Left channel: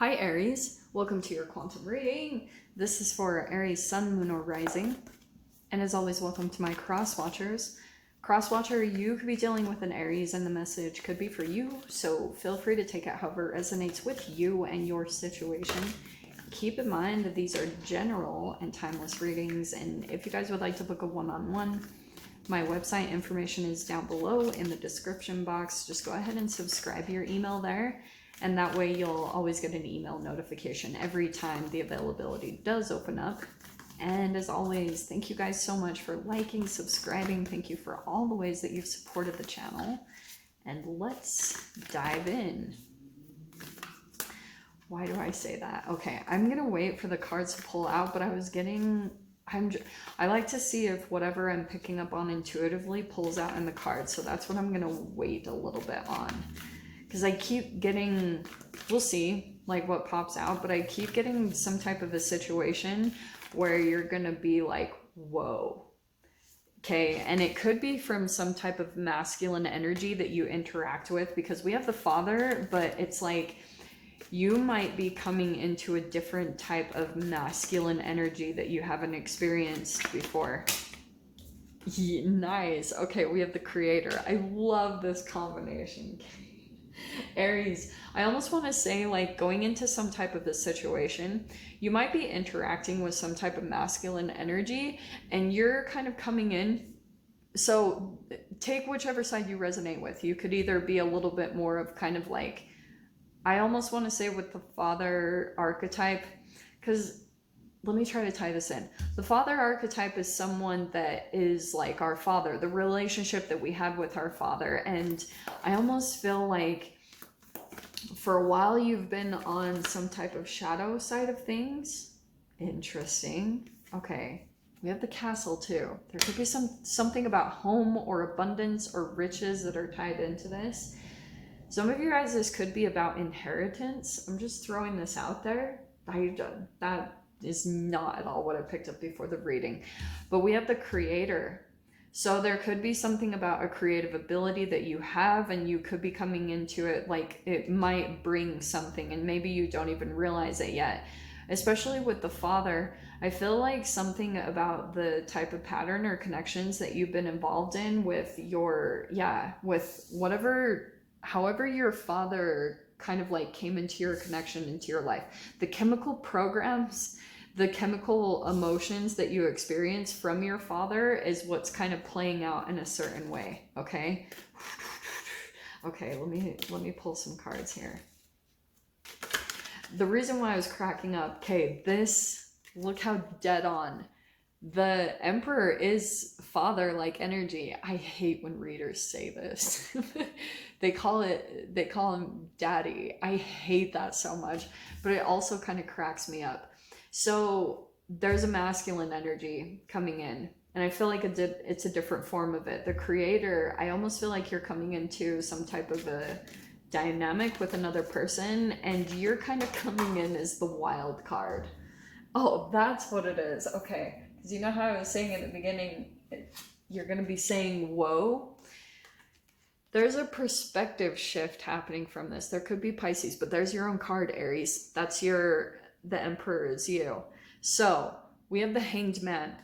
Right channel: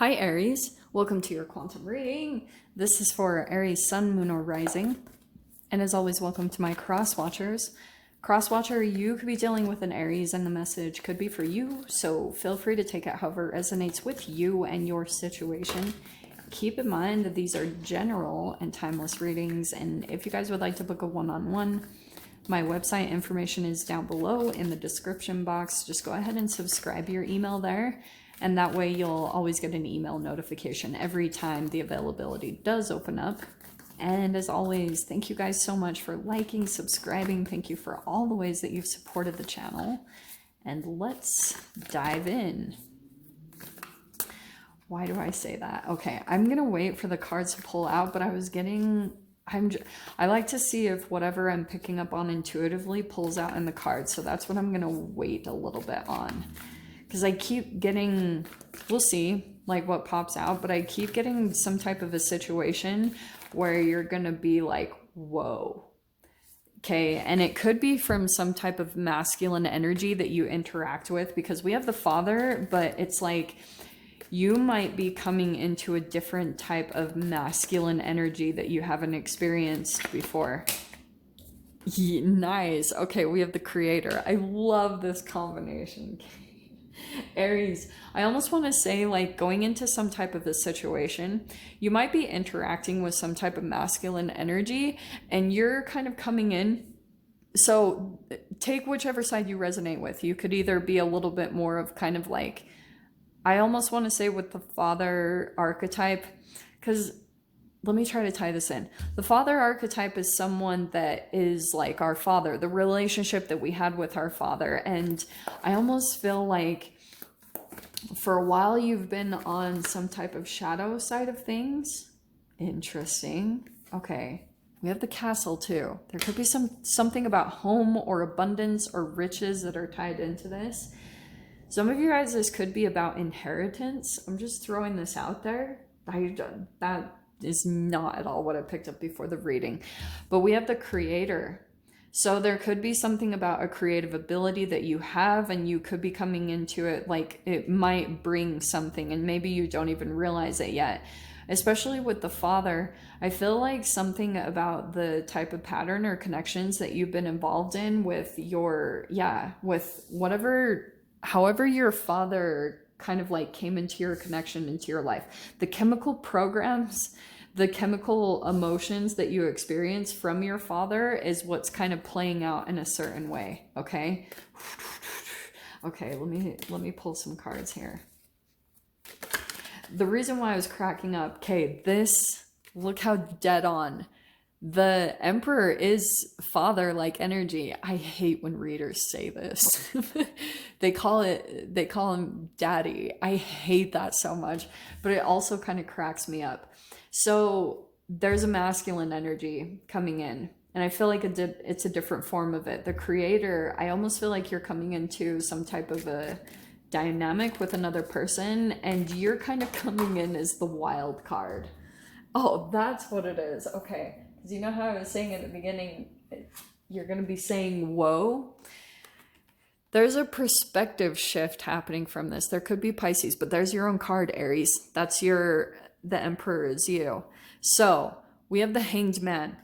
Hi Aries, welcome to your quantum reading. This is for Aries Sun, Moon, or Rising. And as always, welcome to my cross watchers. Cross watcher, you could be dealing with an Aries and the message could be for you. So feel free to take it however resonates with you and your situation. Keep in mind that these are general and timeless readings. And if you guys would like to book a one-on-one, my website information is down below in the description box. Just go ahead and subscribe your email there. And that way you'll always get an email notification every time the availability does open up. And as always, thank you guys so much for liking, subscribing. Thank you for all the ways that you've supported the channel. And let's dive in. Why do I say that? Okay, I'm gonna wait for the cards to pull out, but I like to see if whatever I'm picking up on intuitively pulls out in the cards. So that's what I'm gonna wait a little bit on. Because I keep getting, we'll see like what pops out, but I keep getting some type of a situation where you're gonna be like, whoa. Okay, and it could be from some type of masculine energy that you interact with, because we have the Father, but it's like you might be coming into a different type of masculine energy that you haven't experienced before. Yeah, nice. Okay, we have the Creator. I love this combination. Aries, I almost want to say, like, going into some type of a situation, you might be interacting with some type of masculine energy and you're kind of coming in. So take whichever side you resonate with. You could either be a little bit more of kind of like, I almost want to say with the Father archetype, because let me try to tie this in. The Father archetype is someone that is like our father, the relationship that we had with our father. And I almost feel like for a while you've been on some type of shadow side of things. Interesting. Okay, we have the Castle too. There could be something about home or abundance or riches that are tied into this. Some of you guys, this could be about inheritance. I'm just throwing this out there. That is not at all what I picked up before the reading. But we have the Creator. So there could be something about a creative ability that you have, and you could be coming into it like it might bring something, and maybe you don't even realize it yet. Especially with the Father, I feel like something about the type of pattern or connections that you've been involved in with your, with whatever, however your father kind of like came into your connection, into your life. The chemical programs, the chemical emotions that you experience from your father is what's kind of playing out in a certain way. Okay. Okay, let me pull some cards here. The reason why I was cracking up, okay, this, look how dead on. The Emperor is father-like energy. I hate when readers say this. they call him daddy. I hate that so much, but it also kind of cracks me up. So there's a masculine energy coming in, and I feel like it's a different form of it. The Creator, I almost feel like you're coming into some type of a dynamic with another person, and you're kind of coming in as the wild card. Oh, that's what it is. Okay. Because you know how I was saying at the beginning, you're going to be saying, whoa. There's a perspective shift happening from this. There could be Pisces, but there's your own card, Aries. That's the Emperor is you. So we have the Hanged Man.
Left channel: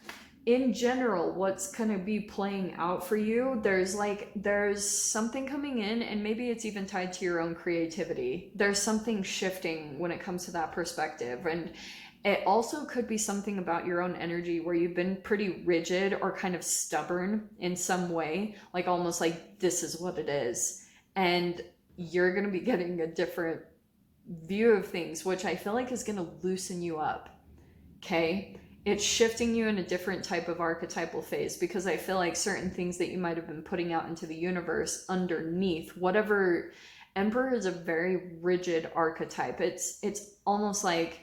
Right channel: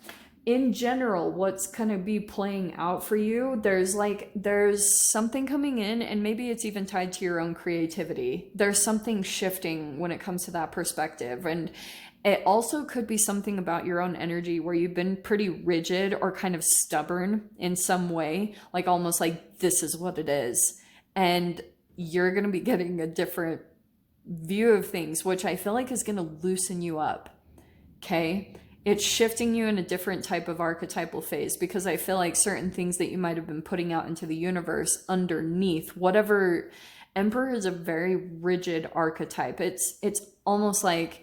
In general, what's going to be playing out for you, there's something coming in, and maybe it's even tied to your own creativity. There's something shifting when it comes to that perspective. And it also could be something about your own energy where you've been pretty rigid or kind of stubborn in some way, like almost like this is what it is. And you're going to be getting a different view of things, which I feel like is going to loosen you up. Okay? It's shifting you in a different type of archetypal phase, because I feel like certain things that you might have been putting out into the universe underneath, whatever. Emperor is a very rigid archetype. It's almost like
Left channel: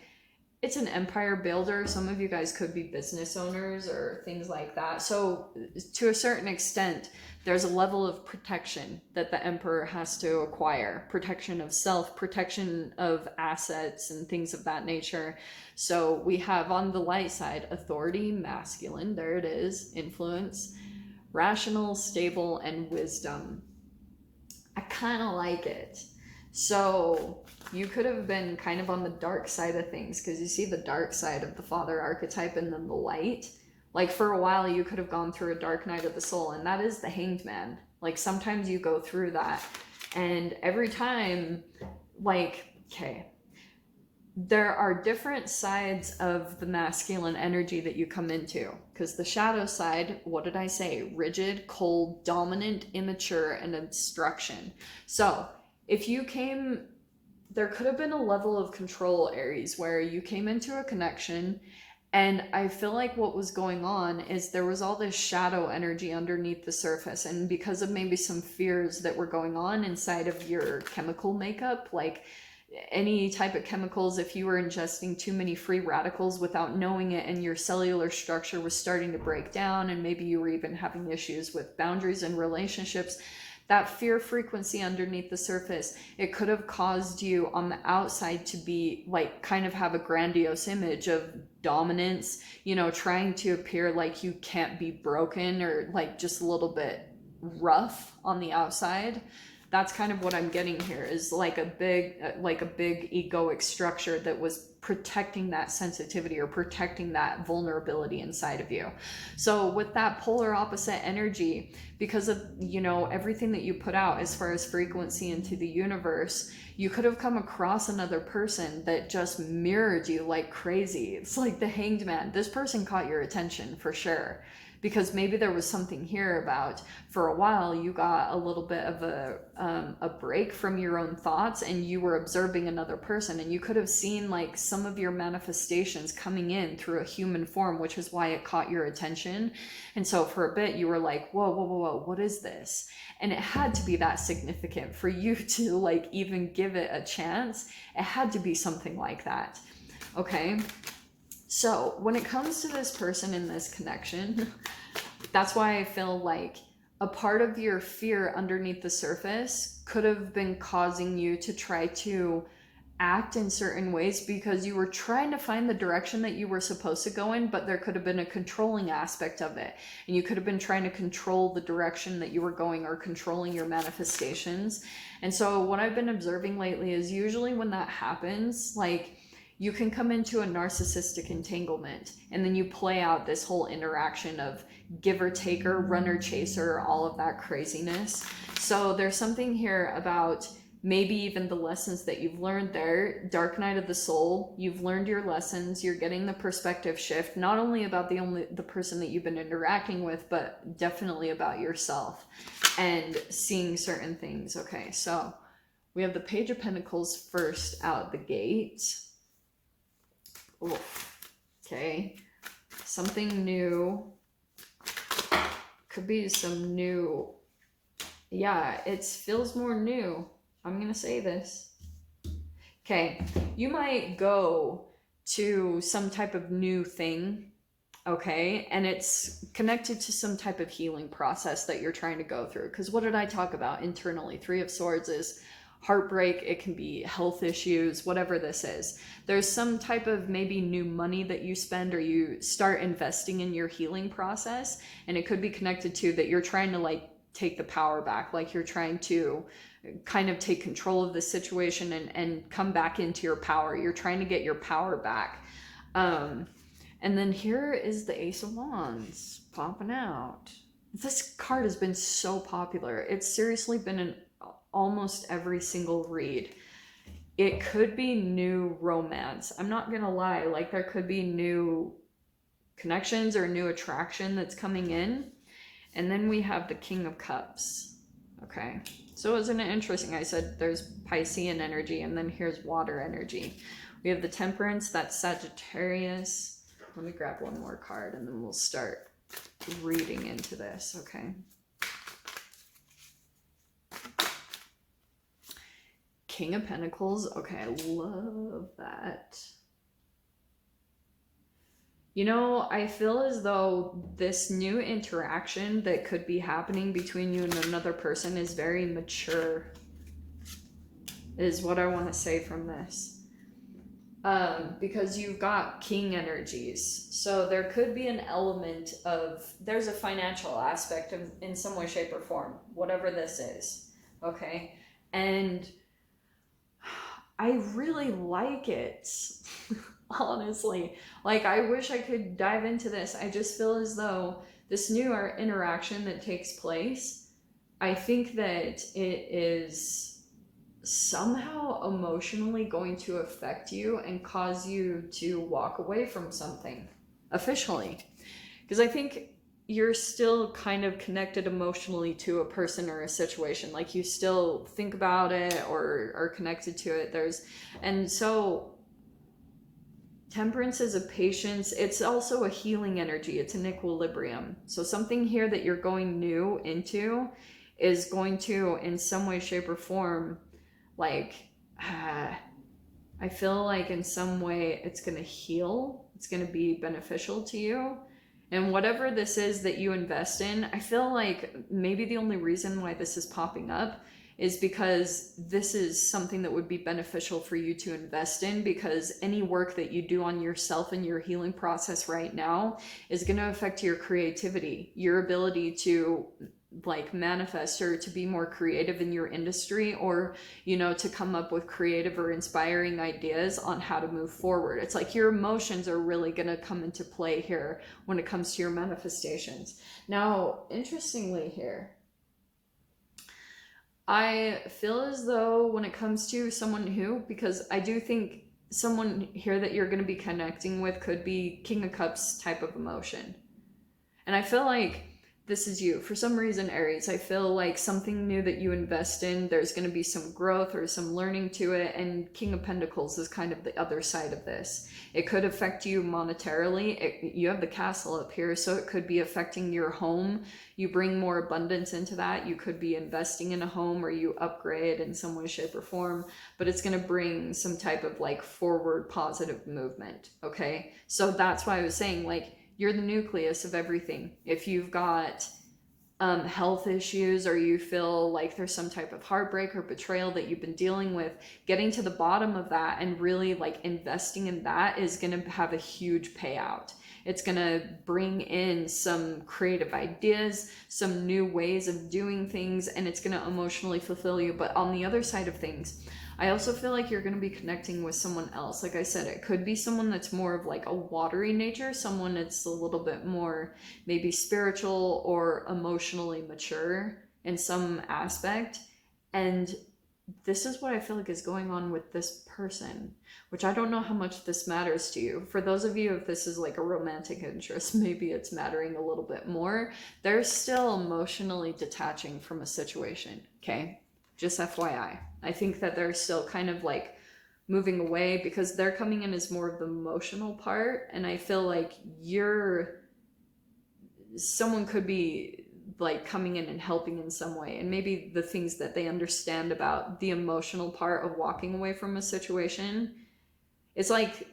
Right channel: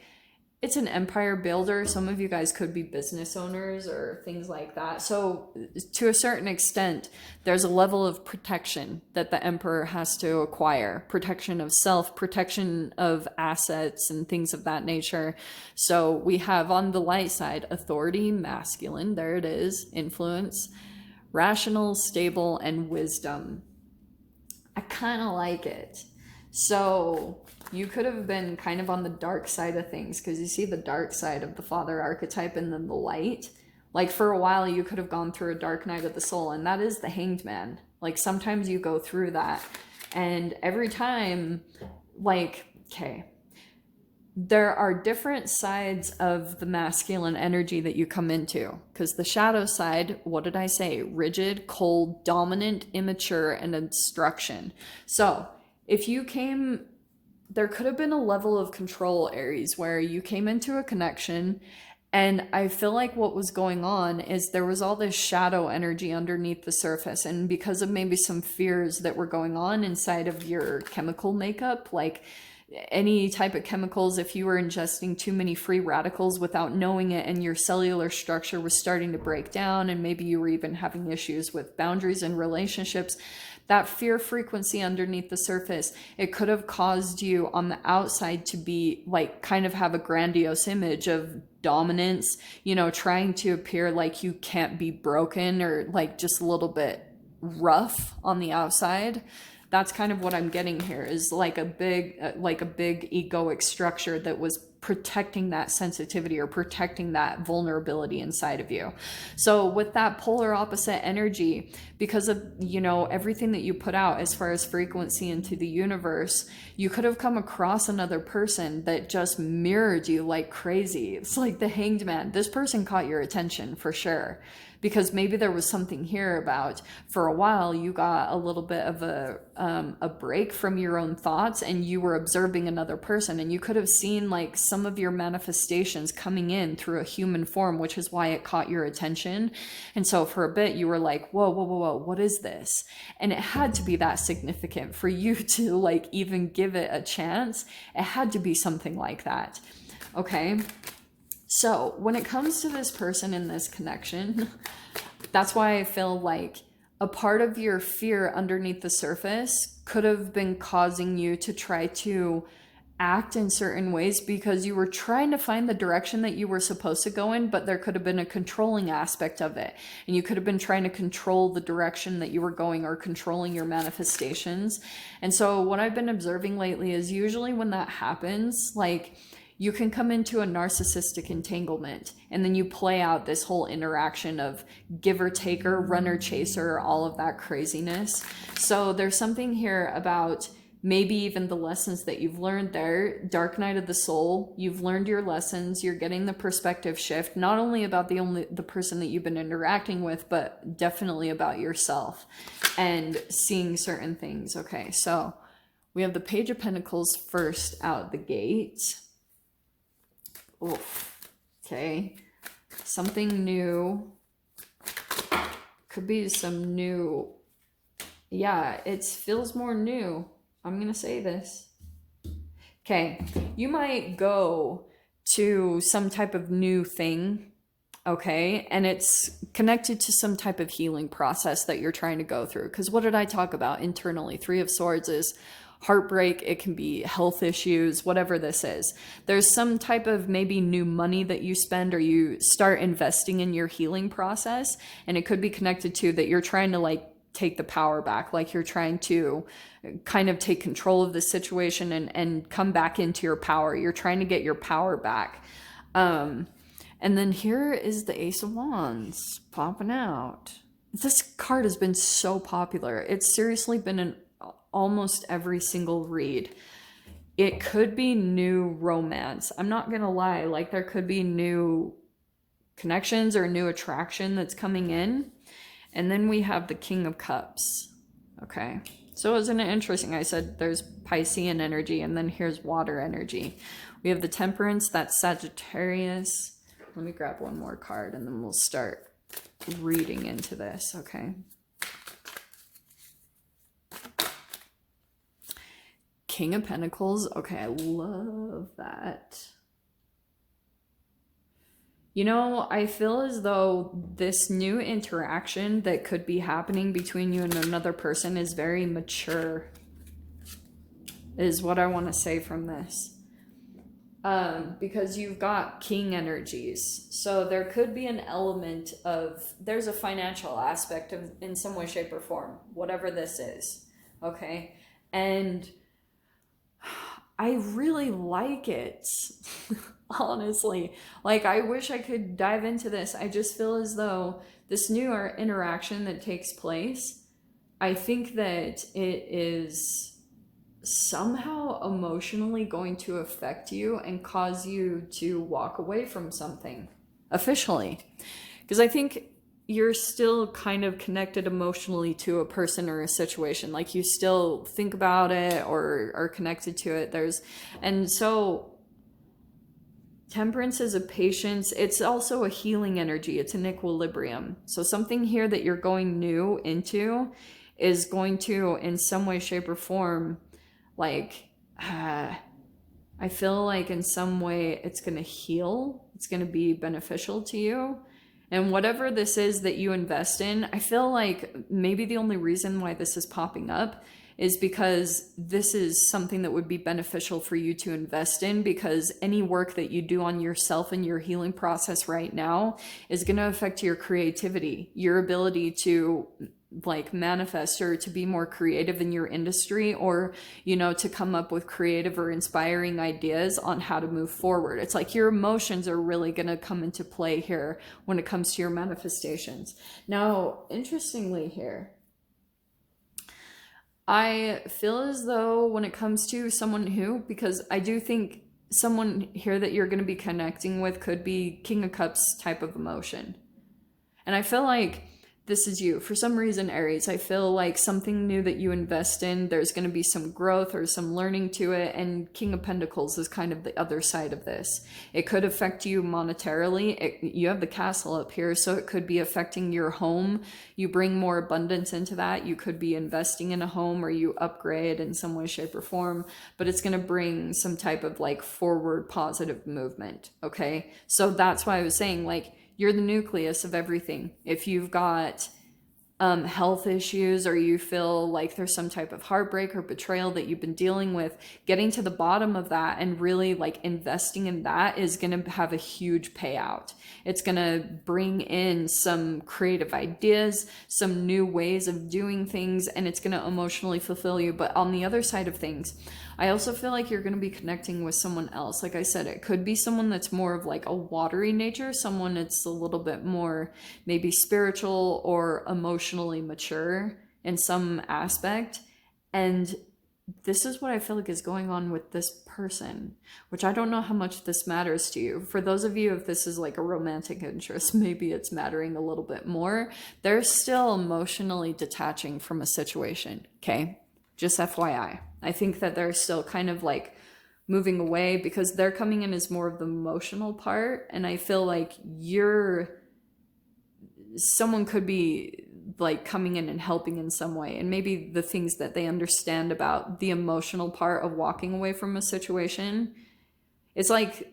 it's an empire builder. Some of you guys could be business owners or things like that. So to a certain extent, there's a level of protection that the Emperor has to acquire. Protection of self, protection of assets, and things of that nature. So we have on the light side, authority, masculine, there it is, influence, rational, stable, and wisdom. I kind of like it. So you could have been kind of on the dark side of things, because you see the dark side of the father archetype and then the light. Like for a while, you could have gone through a dark night of the soul, and that is the Hanged Man. Like sometimes you go through that, and every time, like, okay, there are different sides of the masculine energy that you come into, because the shadow side, what did I say? Rigid, cold, dominant, immature, and instruction. So if you came, there could have been a level of control, Aries, where you came into a connection, and I feel like what was going on is there was all this shadow energy underneath the surface, and because of maybe some fears that were going on inside of your chemical makeup, like any type of chemicals, if you were ingesting too many free radicals without knowing it, and your cellular structure was starting to break down, and maybe you were even having issues with boundaries and relationships, that fear frequency underneath the surface, it could have caused you on the outside to be like kind of have a grandiose image of dominance, you know, trying to appear like you can't be broken, or like just a little bit rough on the outside. That's kind of what I'm getting here, is like a big egoic structure that was protecting that sensitivity or protecting that vulnerability inside of you. So with that polar opposite energy, because of, you know, everything that you put out as far as frequency into the universe, you could have come across another person that just mirrored you like crazy. It's like the Hanged Man. This person caught your attention for sure, because maybe there was something here about, for a while you got a little bit of a break from your own thoughts, and you were observing another person, and you could have seen like some of your manifestations coming in through a human form, which is why it caught your attention. And so for a bit you were like, whoa, whoa, whoa, whoa, what is this? And it had to be that significant for you to like even give it a chance. It had to be something like that. Okay. So when it comes to this person in this connection, that's why I feel like a part of your fear underneath the surface could have been causing you to try to act in certain ways, because you were trying to find the direction that you were supposed to go in, but there could have been a controlling aspect of it. And you could have been trying to control the direction that you were going, or controlling your manifestations. And so what I've been observing lately is usually when that happens, like, you can come into a narcissistic entanglement, and then you play out this whole interaction of giver taker, runner chaser, all of that craziness. So there's something here about maybe even the lessons that you've learned there. Dark night of the soul, you've learned your lessons, you're getting the perspective shift, not only about the person that you've been interacting with, but definitely about yourself and seeing certain things. Okay, so we have the Page of Pentacles first out the gate. Oof. Okay, something new. Could be some new. Yeah, it feels more new. I'm gonna say this. Okay, you might go to some type of new thing, okay, and it's connected to some type of healing process that you're trying to go through. Because what did I talk about internally? Three of Swords is heartbreak, it can be health issues, whatever this is. There's some type of maybe new money that you spend, or you start investing in your healing process, and it could be connected to that you're trying to like take the power back, like you're trying to kind of take control of the situation and come back into your power. You're trying to get your power back. And then here is the Ace of Wands popping out. This card has been so popular. It's seriously been in almost every single read. It could be new romance. I'm not gonna lie, like there could be new connections or new attraction that's coming in. And then we have the King of Cups. Okay, so isn't it interesting? I said there's Piscean energy, and then here's water energy. We have the Temperance, that's Sagittarius. Let me grab one more card and then we'll start reading into this, okay? King of Pentacles, okay, I love that. You know, I feel as though this new interaction that could be happening between you and another person is very mature, is what I want to say from this. Because you've got king energies. So there could be an element of, there's a financial aspect of, in some way, shape, or form, whatever this is, okay? And I really like it. Honestly, like I wish I could dive into this. I just feel as though this new interaction that takes place, I think that it is somehow emotionally going to affect you and cause you to walk away from something officially. Because I think you're still kind of connected emotionally to a person or a situation. Like you still think about it or are connected to it. And so Temperance is a patience. It's also a healing energy. It's an equilibrium. So something here that you're going new into is going to, in some way, shape, or form, like, I feel like in some way it's going to heal. It's going to be beneficial to you. And whatever this is that you invest in, I feel like maybe the only reason why this is popping up is because this is something that would be beneficial for you to invest in, because any work that you do on yourself and your healing process right now is going to affect your creativity, your ability to like manifest or to be more creative in your industry, or to come up with creative or inspiring ideas on how to move forward. It's like your emotions are really going to come into play here when it comes to your manifestations. Now, interestingly here, I feel as though when it comes to someone who, because I do think someone here that you're going to be connecting with could be King of Cups type of emotion. And I feel like this is you. For some reason, Aries, I feel like something new that you invest in, there's going to be some growth or some learning to it. And King of Pentacles is kind of the other side of this. It could affect you monetarily. You have the castle up here, so it could be affecting your home. You bring more abundance into that. You could be investing in a home, or you upgrade in some way, shape, or form. But it's going to bring some type of like forward positive movement. Okay. So that's why I was saying, like, you're the nucleus of everything. If you've got health issues, or you feel like there's some type of heartbreak or betrayal that you've been dealing with, getting to the bottom of that and really like investing in that is going to have a huge payout. It's going to bring in some creative ideas, some new ways of doing things, and it's going to emotionally fulfill you. But on the other side of things, I also feel like you're going to be connecting with someone else. Like I said, it could be someone that's more of like a watery nature, someone that's a little bit more maybe spiritual or emotionally mature in some aspect. And this is what I feel like is going on with this person, which I don't know how much this matters to you. For those of you, if this is like a romantic interest, maybe it's mattering a little bit more. They're still emotionally detaching from a situation, okay? Just FYI. I think that they're still kind of like moving away because they're coming in as more of the emotional part. And I feel like someone could be like coming in and helping in some way. And maybe the things that they understand about the emotional part of walking away from a situation, it's like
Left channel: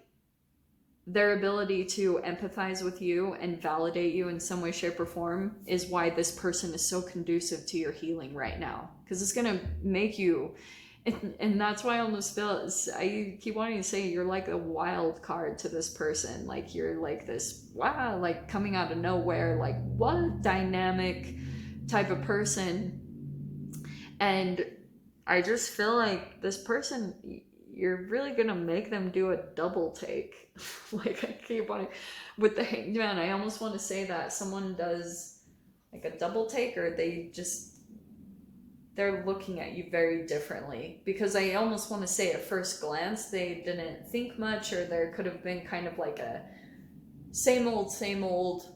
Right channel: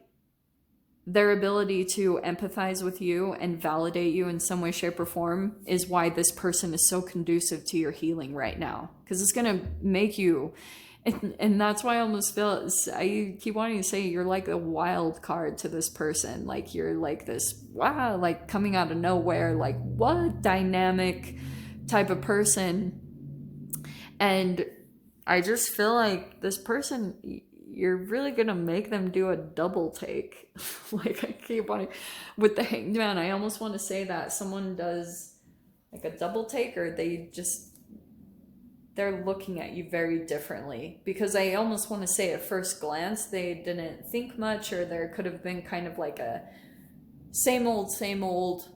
their ability to empathize with you and validate you in some way, shape, or form is why this person is so conducive to your healing right now. Because it's going to make you, and that's why I almost feel, I keep wanting to say you're like a wild card to this person. Like you're like this, wow, like coming out of nowhere, like what dynamic type of person. And I just feel like this person, you're really gonna make them do a double take. Like I keep wanting, with the Hanged Man, I almost want to say that someone does like a double take, or they're looking at you very differently, because I almost want to say at first glance they didn't think much, or there could have been kind of like a same old,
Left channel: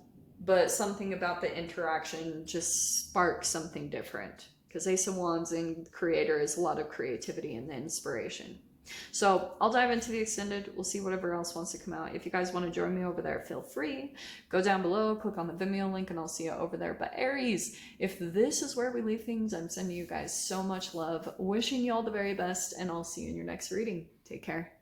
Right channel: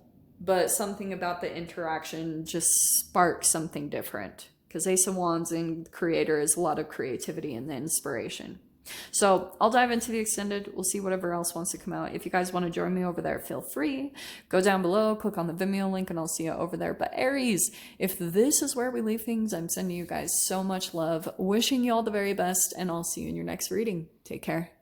but something about the interaction just sparks something different, because Ace of Wands and Creator is a lot of creativity and the inspiration. So I'll dive into the extended. We'll see whatever else wants to come out. If you guys want to join me over there, feel free. Go down below, click on the Vimeo link, and I'll see you over there. But Aries, if this is where we leave things, I'm sending you guys so much love. Wishing you all the very best, and I'll see you in your next reading. Take care.